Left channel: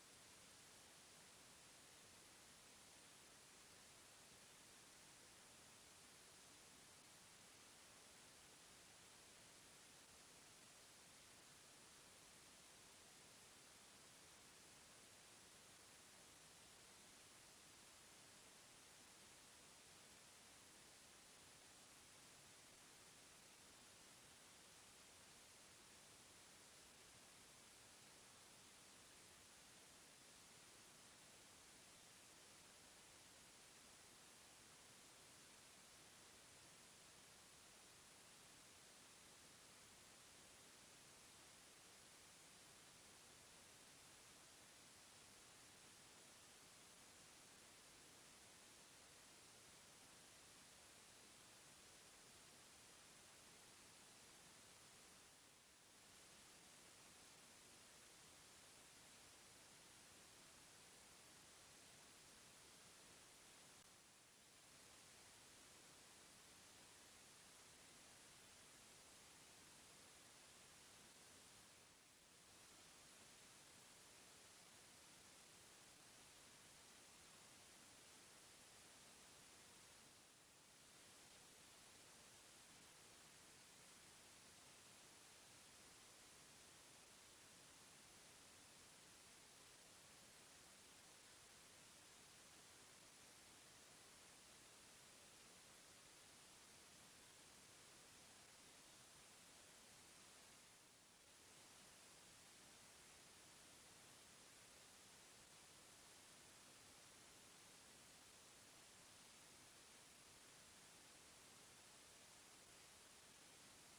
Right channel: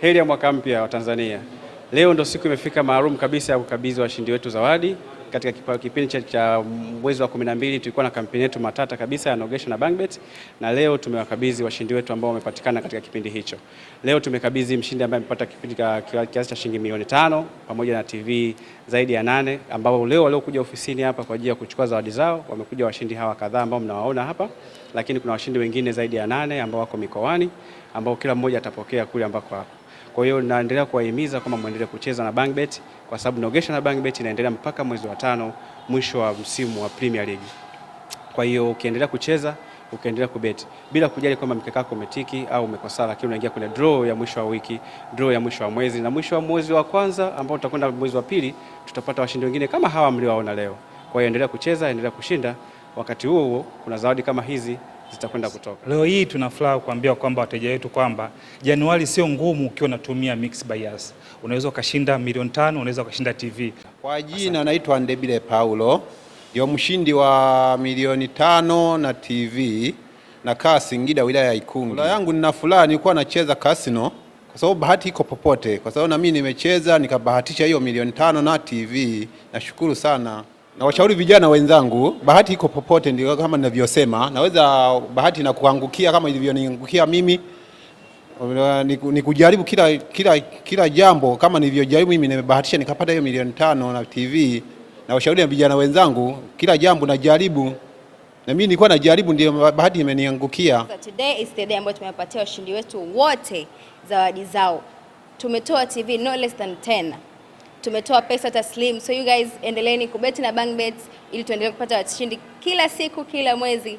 Heri ya mwaka mpya wa Tanzania. Leo ndo siku imefika maalum kabisa ya kukabidhi washindi wetu zawadi. Katika kipindi cha mwezi wa 12 tulikuwa na kampeni yetu matata kabisa ya Nogesha na Bangbet, na leo tumewakabidhi washindi wetu ambao wamepatikana katika kipindi hicho. Leo tumekabidhi mshindi ambaye amepata kipindi kiasi cha shilingi milioni 5 pamoja na TV zaidi ya 8, ambao leo waliokuja ofisini hapa kwa ajili ya kuchukua zawadi zao. Wamekuja washindi hawa kadhaa ambao mnawaona hapa, lakini kuna washindi wengine zaidi ya 8 ambao wako mikoani, ambao kila mmoja atapokea kule ambako hapo. Kwa hiyo naendelea kuwahimiza kama muendelee kucheza na Bangbet, kwa sababu Nogesha na Bangbet inaendelea mpaka mwezi wa 5, mwisho wa msimu wa Premier League. Kwa hiyo ukiendelea kucheza, ukiendelea kubeti bila kujali kwamba mkeka wako umetiki au umekosa, lakini unaingia kwenye draw ya mwisho wa wiki, draw ya mwisho wa mwezi, na mwisho wa mwezi wa kwanza ambao tutakwenda mwezi wa pili, tutapata washindi wengine kama hawa mliowaona leo. Kwa hiyo endelea kucheza, endelea kushinda. Wakati huo huo kuna zawadi kama hizi zitakwenda kutoka. Leo hii tuna furaha kuambia kwamba wateja wetu kwamba Januari sio ngumu ukiwa unatumia Mixx by Yas. Unaweza ukashinda milioni 5, unaweza ukashinda TV. Kwa jina naitwa Ndebile Paulo, ndio mshindi wa milioni 5 na TV na kaa Singida, wilaya ya Ikungi. Furaha yangu, nina furaha, nilikuwa nacheza casino kwa sababu bahati iko popote. Kwa sababu na mimi nimecheza nikabahatisha hiyo milioni 5 na TV. Nashukuru sana. Na washauri vijana wenzangu, bahati iko popote, ndio kama ninavyosema. Naweza bahati na kuangukia kama ilivyoniangukia mimi. Ni kujaribu kila jambo, kama nilivyojaribu mimi nimebahatisha nikapata hiyo milioni 5 na TV. Na washauri na vijana wenzangu, kila jambo najaribu. Na mimi nilikuwa najaribu, ndio bahati imeniangukia. Today is the day ambayo tumewapatia washindi wetu wote zawadi zao. Tumetoa TV no less than 10. Tumetoa pesa taslim. So you guys endeleeni kubeti na Bangbet ili tuendelee kupata washindi kila siku, kila mwezi.